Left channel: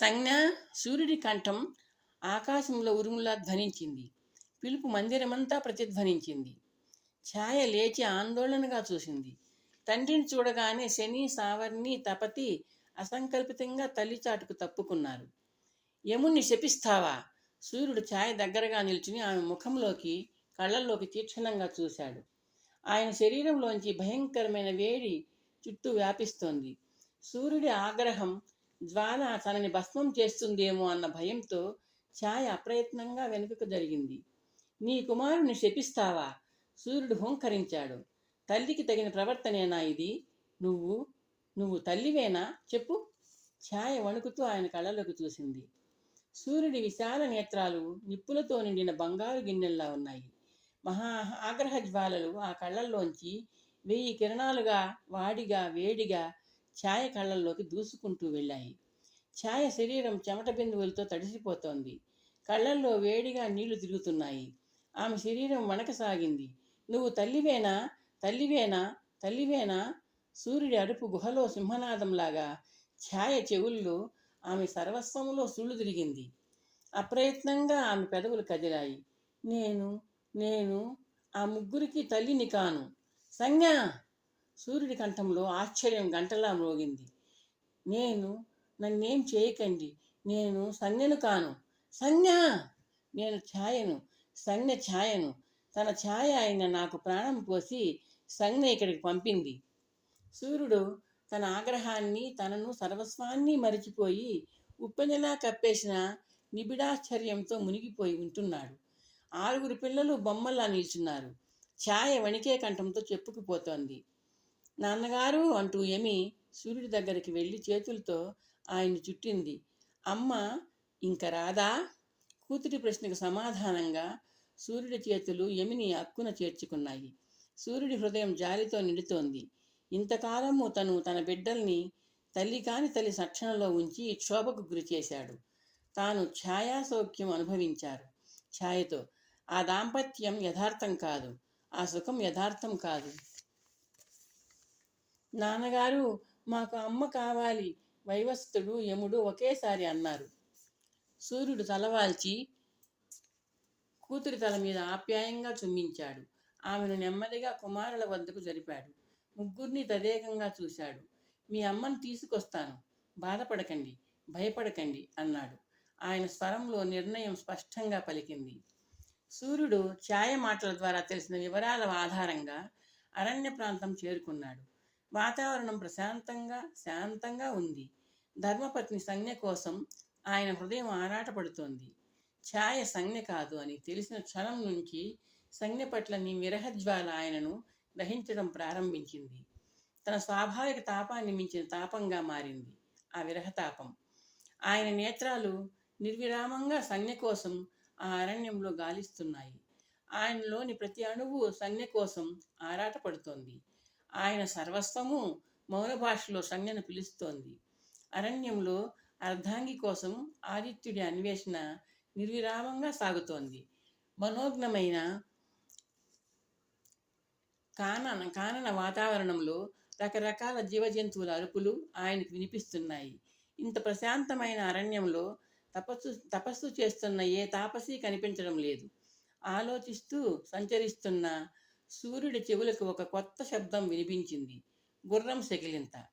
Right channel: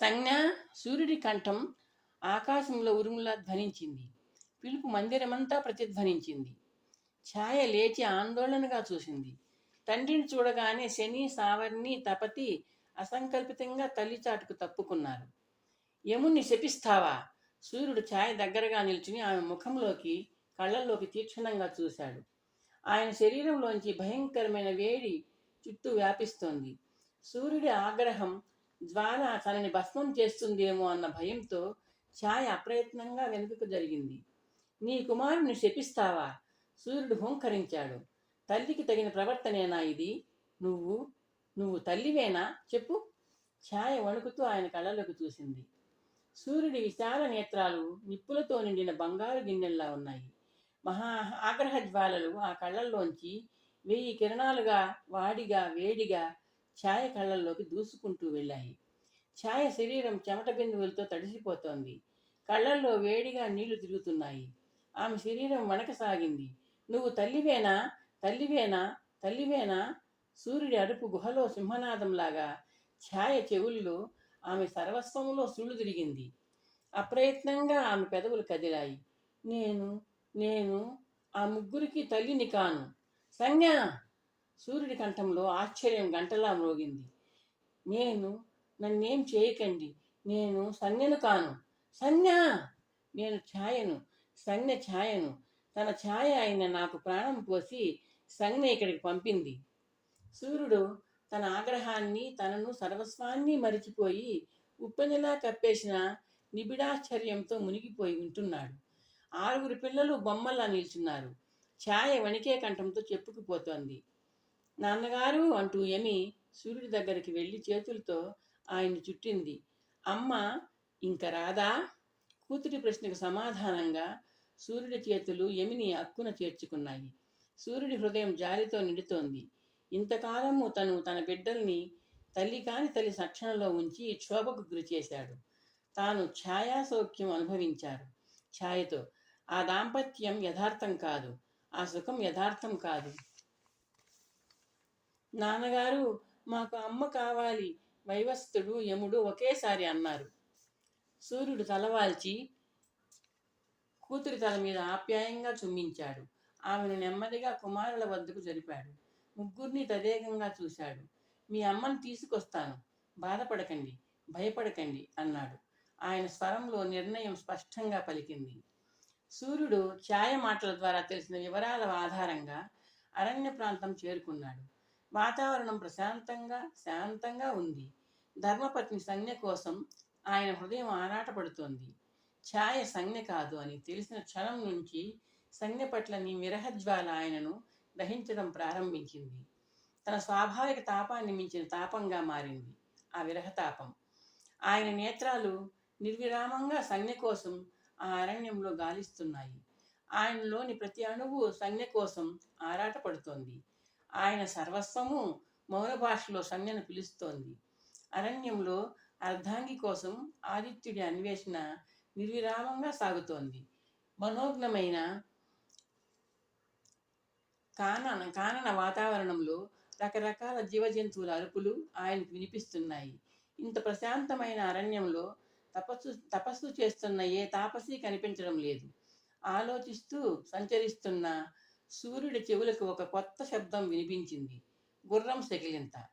సంజ్ఞ సూర్యుడి కంఠం ఆకాశంలో ఉరుములా ధ్వనించింది. పిలుపు మందిరమంతా ప్రతిధ్వనించింది. ఛాయ లేచి ఆందోళనగా చూసింది. తండ్రిని చూడగానే శని సావర్ణి తపతి అసంకల్పితంగా తల్లి చాటుకు తప్పుకున్నారు. యముణ్ణి శపిస్తావా? సూర్యుడు ఛాయ దగ్గరగా నిల్చుని ఆమె ముఖంలోకి కళ్ళల్లోకి తీక్షణంగా చూశాడు. ఆయన శరీరంలోంచి భయంకరమైన వేడి చుట్టూ వ్యాపిస్తోంది. సూర్యుడి ఆగ్రహం జ్వాల తనని భస్మం చేస్తుందేమో అన్న భయంతో ఛాయ అప్రయత్నంగా వెనుకకు జరిగింది. నీ కుమారుని శపిస్తావా? సూర్యుడు హోంకరించాడు. తల్లికి తగిన ప్రవర్తనేనా ఇది? నువ్వు నువ్వు తల్లివేనా? చెప్పు. ఛాయ వణుకుతూ ఆయన కళ్ళలోకి చూసింది. సూర్యుడి విశాల నేత్రాలు నిప్పులతో నిండిన బంగారు గిన్నెల్లా ఉన్నాయి. మహా ఆగ్రహ జ్వాలలు ఆ కళ్ళల్లోంచి వెయ్యి కిరణాలుగా వాడిగా వేడిగా ఛాయ కళ్ళల్లోకి దూసుకుంటూ వెళ్ళాయి. ఛాయ శరీరం చెమట బిందువులతో తడిసిపోతోంది. కళ్ళల్లో వేడిగా నీళ్ళు తిరుగుతున్నాయి. ఆమె శరీరం వణకసాగింది నువ్వు తల్లివేనా? తల్లివేనా? తల్లివేనా? సూర్యుడి అరుపు గుహలో సింహనాదంలాగా. ఛాయ చెవుల్లో ఆమె సర్వస్వంలో సుళ్ళు తిరిగింది. అప్రయత్నంగా ఆమె పెదవులు కదిలాయి. నేను నేను ఆ ముగ్గురికి తల్లిని కాను. సంజ్ఞ సూర్యుడి కంఠంలో ఆశ్చర్యం గంటలా మోగింది. నేను నన్నేం చేయకండి. నేను సన్యను కాను. సంజ్ఞ నేను ఛాయను. సన్య ఛాయను. తన ఛాయ అయిన నాకు ప్రాణం పోసి సంజ్ఞ ఇక్కడికి పంపింది. సూర్యుడు తన ఆగ్రహాన్ని తనను సర్వస్వాన్ని మరిచిపోయి ఉప్పెనలా కప్పేసిన నిబిడాశ్చర్యంతో మునిగిపోయి ఉంటున్నాడు. ఆరుగురు పిల్లలు బొమ్మల్లా నిల్చున్నారు. ఛాయ వణికే కంఠంతో చెప్పుకుపోతోంది. నాన్నగారు అంటూ యమి సూర్యుడి దగ్గరికి వెళ్ళి చేతులతో ఆయన్ని చుట్టింది. అమ్మ ఇంక రాదా? కూతురి ప్రశ్నకు సమాధానంగా సూర్యుడి చేతులు యమిని అక్కున చేర్చుకున్నాయి. సూర్యుడి హృదయం జాలితో నిండుతోంది. ఇంతకాలము తను తన బిడ్డల్ని తల్లి కాని తల్లి సక్షణలో ఉంచి క్షోభకు గురి చేశాడు తాను ఛాయా సౌఖ్యం అనుభవించారు. ఛాయతో ఆ దాంపత్యం యథార్థం కాదు. ఆ సుఖం యథార్థం కాదు. నాన్నగారు మాకు అమ్మ కావాలి వైవస్థుడు యముడు ఒకేసారి అన్నారు. సూర్యుడు తలవాల్చి కూతురి తల మీద ఆప్యాయంగా చుమ్మించాడు. ఆమెను నెమ్మదిగా కుమారుల వద్దకు జరిపాడు. ముగ్గురిని తదేకంగా చూశాడు. మీ అమ్మను తీసుకొస్తాను బాధపడకండి భయపడకండి అన్నాడు. ఆయన స్వరంలో నిర్ణయం స్పష్టంగా పలికింది. సూర్యుడు ఛాయ మాటల ద్వారా తెలిసిన వివరాల ఆధారంగా అరణ్య ప్రాంతం చేరుకున్నాడు. వాతావరణం ప్రశాంతంగా శాంతంగా ఉంది. ధర్మపత్ని సంజ్ఞ కోసం ఆయన హృదయం ఆరాటపడుతోంది. ఛాయ సంజ్ఞ కాదు అని తెలిసిన క్షణం నుంచి సంజ్ఞ పట్ల నీ విరహజ్వాల ఆయనను దహించడం ప్రారంభించింది. తన స్వాభావిక తాపాన్ని మించిన తాపంగా మారింది. ఆ విరహతాపం. ఆయన నేత్రాలు నిర్విరామంగా సంజ్ఞ కోసం ఆ అరణ్యంలో గాలిస్తున్నాయి. ఆయనలోని ప్రతి అణువు సంజ్ఞ కోసం ఆరాటపడుతోంది. ఆయన సర్వస్వము మౌన భాషలో సంజ్ఞను పిలుస్తోంది. అరణ్యంలో అర్ధాంగి కోసం ఆదిత్యుడి అన్వేషణ నిర్విరామంగా సాగుతోంది. మనోజ్ఞమైన కానన కానన వాతావరణంలో రకరకాల జీవజంతువుల అరుపులు ఆయనకు వినిపిస్తున్నాయి. ఇంత ప్రశాంతమైన అరణ్యంలో తపస్సు తపస్సు చేస్తున్న ఏ తాపసి కనిపించడం లేదు. ఆలోచిస్తూ సంచరిస్తున్న సూర్యుడి చెవులకు ఒక కొత్త శబ్దం వినిపించింది. గుర్రం సెకిలింత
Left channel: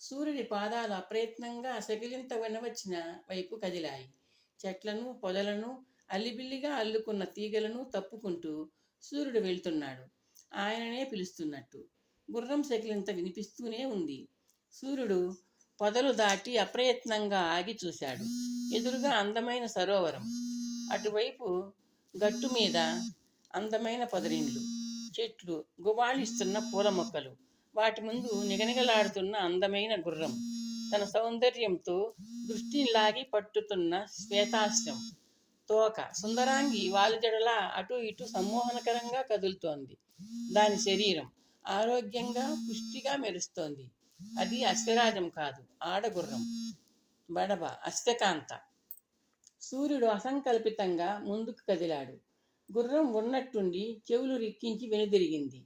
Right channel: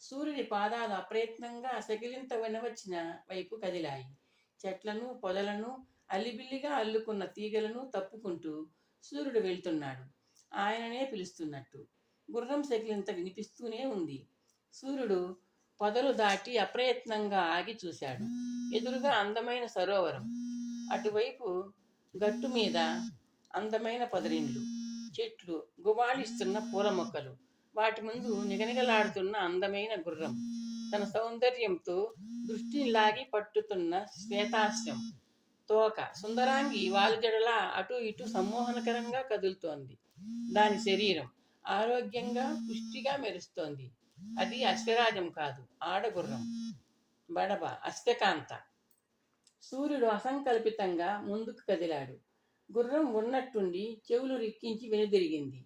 సూర్యుడి పాదాలు అప్రయత్నంగా సెకిలింత వినవచ్చిన వైపు కదిలాయి. చెట్లను పొదలను అల్లిబిల్లిగా అల్లుకున్న తీగలను తప్పుకుంటూ సూర్యుడు వెళ్తున్నాడు. ఆయననే పిలుస్తున్నట్టు. గుర్రం శకిలింత వినిపిస్తూనే ఉంది. సూర్యుడు పొదలు దాటి అప్రయత్నంగా ఆగి చూశాడు. ఎదురుగా అందమైన సరోవరం. అటువైపు గట్టు మీద అందమైన పదరిండ్లు. చెట్లు గుబాళిస్తున్న పూల మొక్కలు వాటి ముందు నిగనిగలాడుతున్న అందమైన గుర్రం. తన సౌందర్యంతో దృష్టిని లాగి పట్టుతున్న శ్వేతాశ్రం. తోక సుందరాంగి వాలుజడలా అటు ఇటు సమ్మోహనకరంగా కదులుతోంది. దాని శరీరం ఆరోగ్యంగా పుష్టిగా మెరుస్తోంది. అది అశ్వరాజం కాదు ఆడగుర్రం. బడబ అశ్వకాంత. సూర్యుడు అసంకల్పితంగా ముందుకు కదిలాడు. గుర్రం ఉన్నట్టుండి చెవులు రిక్కించి వెనుదిరిగింది.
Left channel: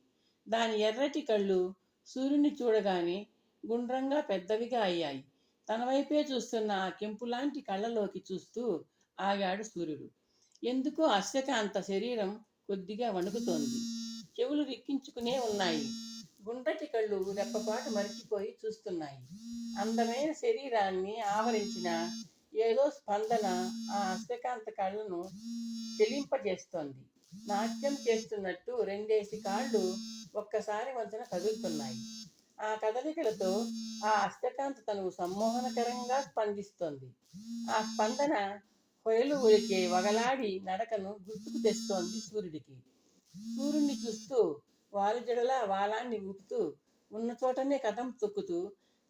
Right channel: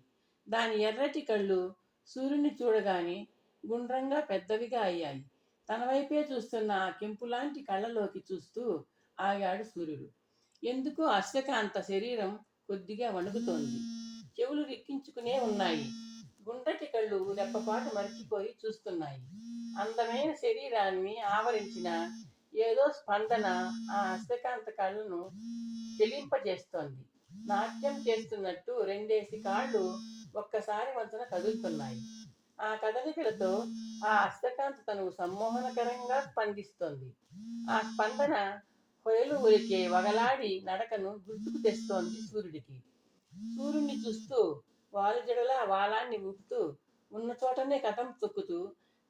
దాని ఎర్రటి కళ్ళు సూర్యుని చూడగానే గుండ్రంగా పెద్దవిగా అయ్యాయి. తన వైపే చూస్తున్న ఆ కెంపులాంటి కళ్ళలోకి చూస్తూ ఆగాడు సూర్యుడు. ఎందుకో అశ్వకాంత శరీరం కొద్దిగా వణుకుతోంది. చెవులు రిక్కించుకునే ఉన్నాయి. గుండ్రటి కళ్ళు రెప్పపాటు మరిచిపోయి చూస్తున్నాయి. అందమైన శరీరాన్ని ఆవరించిన ఏదో స్పందన ఆ అశ్వకాంత కళ్ళను చెలింపజేస్తోంది. నాట్యం చేస్తున్నట్టు రెండేసి కాళ్ళు ఒక్కసారి వంతన కదులుతున్నాయి. ఆ కదలికలతో ఆ అష్టకాంత తను సమ్మోహనకరంగా స్పందిస్తోంది. ఆ స్పందన కొయలు ఉరికే వగలాడి నడకను గుర్తుకు తెస్తోంది సూర్యుడికి. సూర్యుడిని చూస్తూ వారు జడలా వాలాన్ని ఊపుతూ ఉన్న చోటనే కథం తొక్కుతూ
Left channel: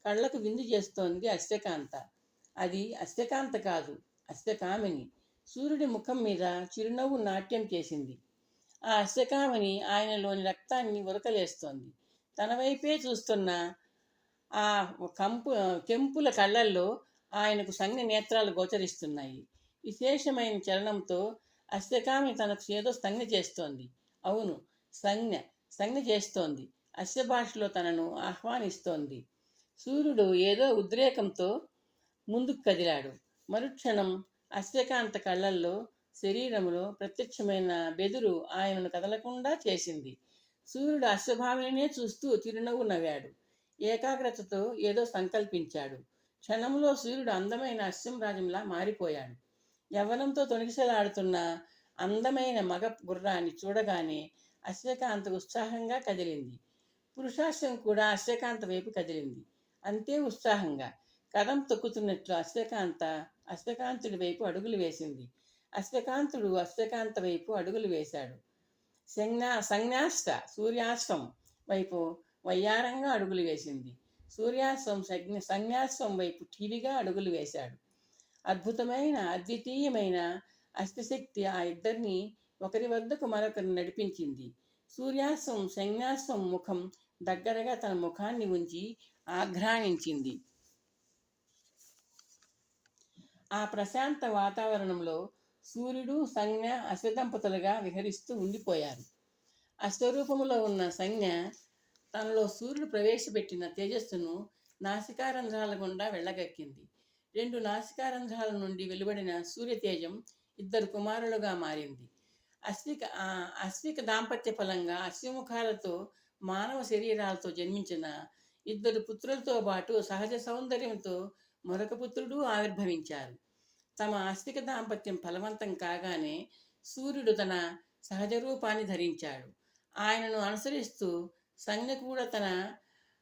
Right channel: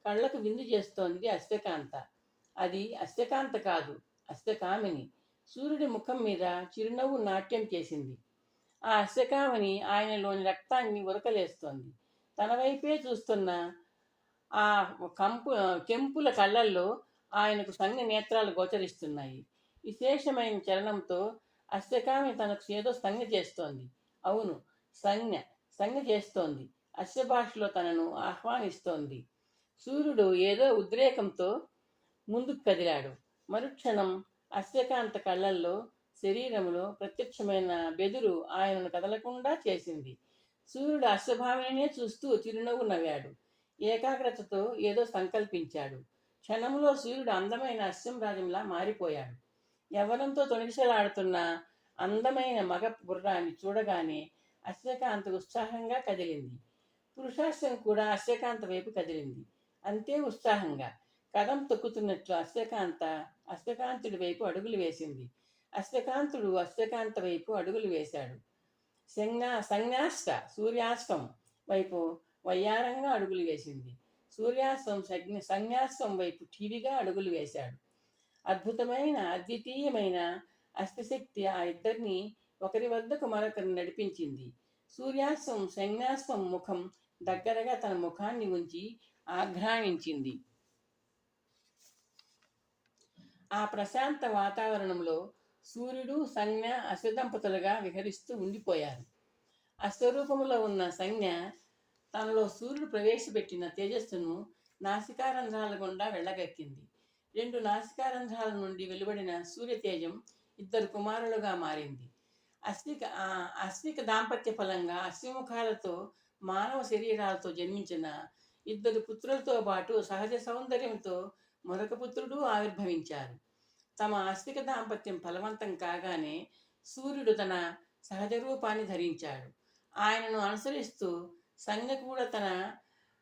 కళ్ళకు విందు చేస్తోంది అష్టకాంత. అది అష్టకాంత కాదు అష్టకామిని. సూర్యుడి ముఖం మీద చిరునవ్వు నాట్యం చేసింది. ఆ అశ్వకామని ఆయనలోని రక్తాన్ని ఉరకలేస్తోంది. తన వైపే చూస్తున్న ఆ కంపు కెంపుల కళ్ళల్లో ఆయనకు సంజ్ఞ నేత్రాలు గోచరిస్తున్నాయి. విశేషమైన చలనంతో అశ్వకామి తనకు ఏదో సంజ్ఞ చేస్తోంది. అవును సంజ్ఞ సంజ్ఞ చేస్తోంది. అశ్వ భాషలో తనను ఆహ్వానిస్తోంది. సూర్యుడు ఏదో ఉద్రేకంతో ముందుకు కదిలాడు. మరుక్షణం అశ్వకాంత కళ్ళల్లో శరీరములో ప్రత్యక్షమైన బెదురు ఆయనను కదలకుండా చేసింది. సూర్యుడు అశ్వభావనే చూస్తూ చిరునవ్వు నవ్వాడు. ఏకాగ్రతతో ఏదో సంకల్పించాడు. క్షణంలో సూర్యుడు అందమైన అశ్వంరాజంలా మారిపోయాడు. యవ్వనంతో తొణికిసలాడుతున్న అందమైన మగ గుర్రాన్ని చూడగానే అశ్వకాంత ఉత్సాహంగా కదిలింది. పురుషాశ్వం కూడా అశ్వకాంత వైపు కదిలింది. అంతే ఉత్సాహంగా. కదం తొక్కుతున్నట్లు అశ్వకాంత అశ్వకాంతుడి వైపు అడుగులు వేసింది. అశ్వకాంతుడు అశ్వకాంత వైపు అడుగులు వేశాడు. సంజ్ఞా సంజ్ఞాష్ట సూర్యాస్తం వైపు వయ్యారంగా అడుగులు వేసింది. సూర్యాస్తం సంజ్ఞ సంజ్ఞాస్తం వైపు టీవీగా అడుగులు వేశాడు. అద్భుతమైన అద్వితీయమైన అస్తిశక్తి ఆ ఇద్దరిని ఒకరి వద్దకు మరొకరిని నడిపించింది. సూర్యాస్తం సంజ్ఞాస్తం ముఖం దగ్గరగా తన ముఖాన్ని ఉంచి ఆఘ్రాణించింది. ఆ ప్రశాంత వాతావరణంలో సూర్యుడు సంజ్ఞ అశ్వదంపతులుగా విహరిస్తూ ఉండిపోయారు. అశ్వరూపంలో ఉన్న సంజ్ఞ తనలో సూర్యుడు ప్రవేశపెట్టిన తేజస్సును నాసికారంధ్రాల గుండా వెళ్ళగక్కింది. రెండు నాసికారంధ్రాల నుండి వెలువడిన సూర్యతేజం ఇద్దరు కుమారులుగా మారింది. అశ్విక ఆ అశ్విక దాంపత్య ఫలంగా అశ్వముఖాలతో మానవ శరీరాలతో జన్మించిన ఇద్దరు పుత్రులతో పాటు సహజ సౌందర్యంతో మరొక పుత్రుడు ఆవిర్భవించారు. తమ ఆస్తిక దాంపత్యం ఫలవంతం కాగానే సూర్యుడు తన సహజ రూపాన్ని ధరించాడు. ఆయనను అనుసరిస్తూ సంజ్ఞ కూడా తన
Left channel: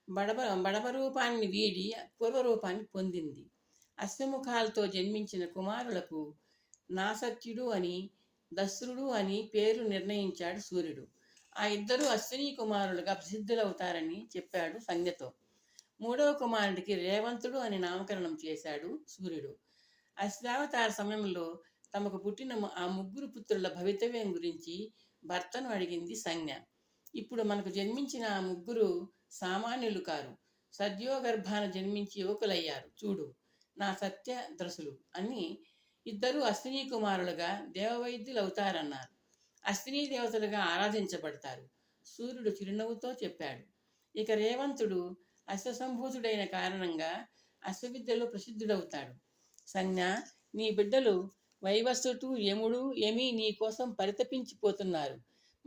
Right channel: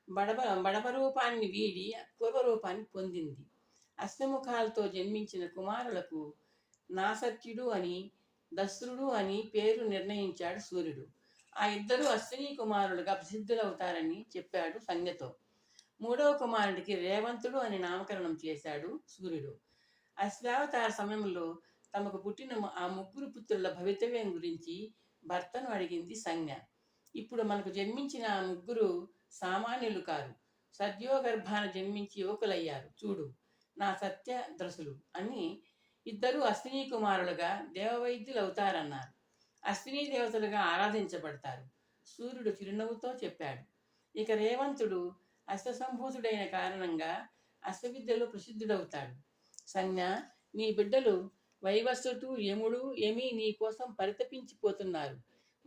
బడబ బడబ రూపాన్ని వీడి పూర్వ రూపాన్ని పొందింది. అశ్వముఖాలతో జన్మించిన కుమారులకు నాసత్యుడు అని దశరుడు అని పేరు నిర్ణయించాడు సూర్యుడు. ఆ ఇద్దరు అశ్విని కుమారులుగా ప్రసిద్ధులవుతారని చెప్పాడు సంజ్ఞతో. మూడవ కుమారుడికి రేవంతుడు అని నామకరణం చేశాడు సూర్యుడు. అశ్వావతార సమయంలో తమకు పుట్టిన ఆ ముగ్గురు పుత్రుల భవితవ్యం గురించి భర్తను అడిగింది సంజ్ఞ. ఇప్పుడు మనకు జన్మించిన ఆ ముగ్గురు సామాన్యులు కారు. సద్యోగర్భాన జన్మించి యువకులయ్యారు. చూడు నా సత్య ద్రసులు అని ఇద్దరు అశ్విని కుమారులుగా దేవవైద్యులు అవుతారన్నారు. అశ్విని దేవతలుగా ఆరాధించబడతారు. సూర్యుడు చిరునవ్వుతో చెప్పాడు. ఇక రేవంతుడు అశ్వసంభూతుడైన కారణంగా అశ్వవిద్యలో ప్రసిద్ధుడవుతాడు. సంజ్ఞ నీ బిడ్డలు వైవస్వతు యముడు యమి నీ కోసం పరితపించిపోతున్నారు.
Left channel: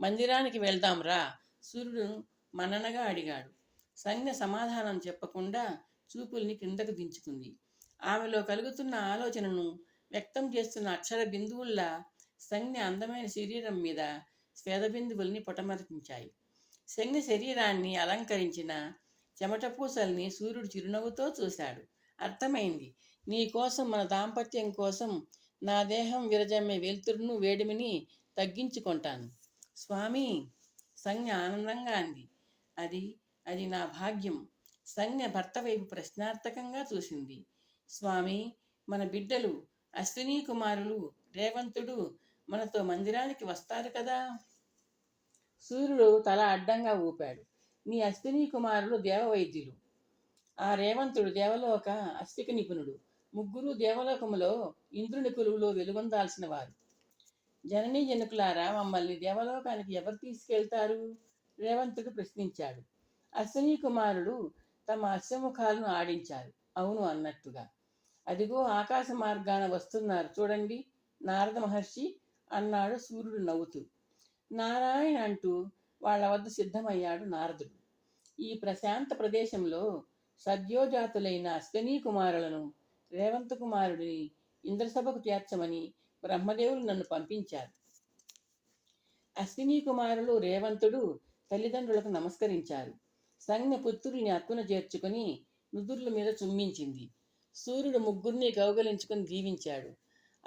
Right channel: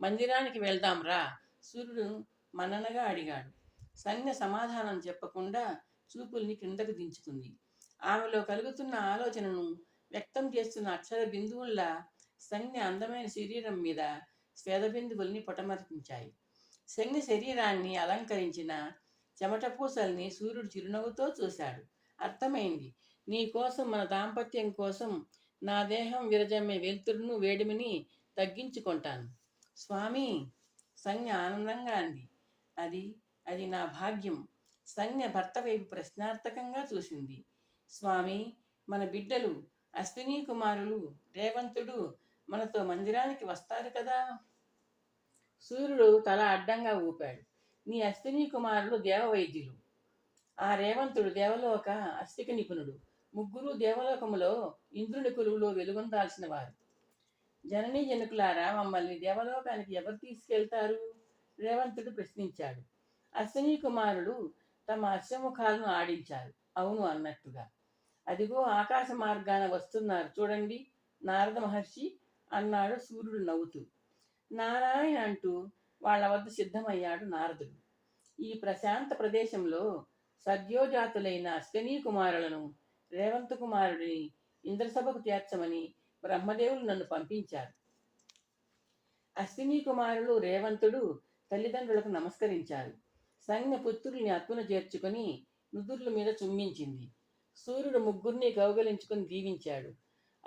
మందిరానికి వెళ్దాం రా సూర్యుడు మన్ననగా అడిగాడు. సంజ్ఞ సమాధానం చెప్పకుండా చూపుల్ని కిందకు దించుకుంది. ఆమెలో కలుగుతున్న ఆలోచనను వ్యక్తం చేస్తున్న అక్షర బిందువుల్లా సంజ్ఞ అందమైన శరీరం మీద స్వేద బిందువుల్ని పొటమర్పించాయి. సంజ్ఞ శరీరాన్ని అలంకరించిన చెమట పూసల్ని సూర్యుడు చిరునవ్వుతో చూశాడు. అర్థమైంది. నీ కోసం మన దాంపత్యం కోసం నా దేహం విరజమ్మే వెలుతురును వేడిమిని తగ్గించుకుంటాను. స్వామి సంజ్ఞ ఆనందంగా అంది. అది అది నా భాగ్యం. సంజ్ఞ భర్త వైపు ప్రశ్నార్థకంగా చూసింది. స్వామి మన బిడ్డలు అశ్వినీ కుమారులు రేవంతుడు మనతో మందిరానికి వస్తారు కదా? సూర్యుడు తల అడ్డంగా ఊపాడు. నీ అశ్విని కుమారులు దేవవైద్యులు. ఆ రేవంతుడు దేవలోక అస్తిక నిపుణుడు. ముగ్గురు దేవలోకములో ఇంద్రుని కొలువులో వెలుగొందాల్సిన వారు. జననీ జనుకులారా మమ్మల్ని దేవలోకానికి ఎవరు తీసుకెళ్తారు? రేవంతుడు ప్రశ్నించాడు. అశ్విని కుమారుడు తమ అశ్వముఖాలను ఆడించారు అవును అన్నట్టుగా. అదిగో ఆకాశ మార్గాన వస్తున్నారు చూడండి. నారద మహర్షి అన్నాడు సూర్యుడు నవ్వుతూ. నారాయణ అంటూ వాళ్ళ వద్ద సిద్ధమయ్యాడు నారదుడు. ఈ ప్రశాంత ప్రదేశంలో సద్యోజాతులైన అశ్వనీ కుమారులను రేవంత్ కుమారుడిని ఇంద్రసభకు చేర్చమని బ్రహ్మదేవులు నన్ను పంపించారు. అశ్విని కుమారులు రేవంతుడు తల్లిదండ్రులకు నమస్కరించారు. సంజ్ఞ పుత్రుల్ని అక్కున చేర్చుకొని నుదుర్ల మీద చుమ్మించింది. సూర్యుడు ముగ్గురిని కౌగలించుకొని దీవించాడు.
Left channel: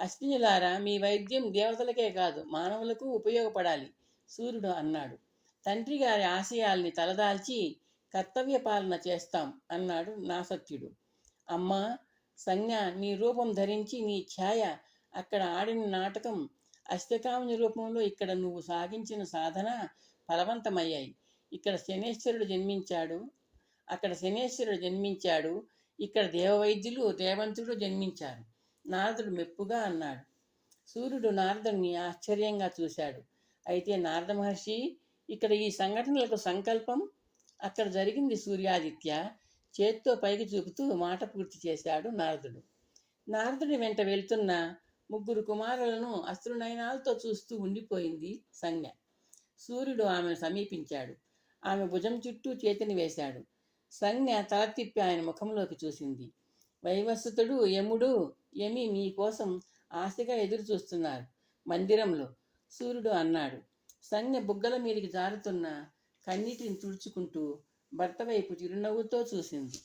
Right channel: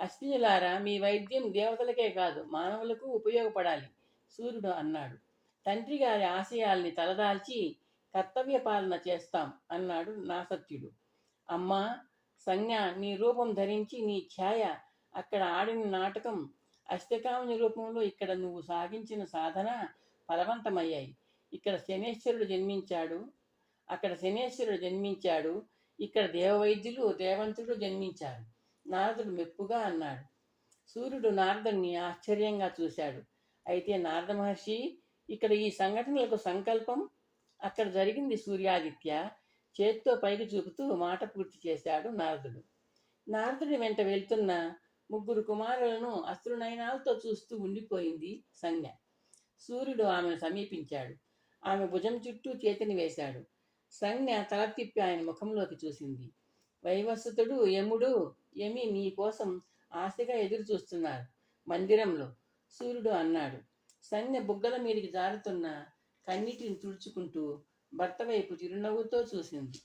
అశ్వినులారా మీ వైద్యం దేవతలకే కాదు మానవులకు ఉపయోగపడాలి సూర్యుడు అన్నాడు. తండ్రి గారి ఆశయాల్ని తలదాల్చి కర్తవ్య పాలన చేస్తాం అన్నాడు నాసత్యుడు. అమ్మా సంజ్ఞ నీ రూపం ధరించి నీ ఛాయ అక్కడ ఆడిన నాటకం అష్టకాముని రూపంలో ఇక్కడ నువ్వు సాగించిన సాధన ఫలవంతమయ్యాయి. ఇక్కడ శనేశ్వరుడు జన్మించాడు. అక్కడ శనేశ్వరుడు జన్మించాడు. ఇక్కడ దేవవైద్యులు రేవంతుడు జన్మించారు. నారదుడు మెప్పుగా అన్నాడు. సూర్యుడు నారదుడిని ఆశ్చర్యంగా చూశాడు. అయితే నారద మహర్షి ఇక్కడ ఈ సంఘటనలకు సంకల్పం అక్కడ జరిగింది సూర్యాదిత్య. చేత్తో పైకి చూపుతూ మాట పూర్తి చేశాడు నారదుడు. నారదుడి వెంట వెళ్తున్న ముగ్గురు కుమారులను అశ్రునయనాలతో చూస్తూ ఉండిపోయింది సంజ్ఞ సూర్యుడు ఆమెను సమీపించాడు. ఆమె భుజం చుట్టూ చేతిని వేశాడు. సంజ్ఞ తల తిప్పి ఆయన ముఖంలోకి చూసింది. వైవస్వతుడు యముడు యమి నీ కోసం ఆశగా ఎదురు చూస్తున్నారు మందిరంలో సూర్యుడు అన్నాడు. సంజ్ఞ బుగ్గల మీదకి జారుతున్న కన్నీటిని తుడుచుకుంటూ భర్త వైపు చిరునవ్వుతో చూసింది.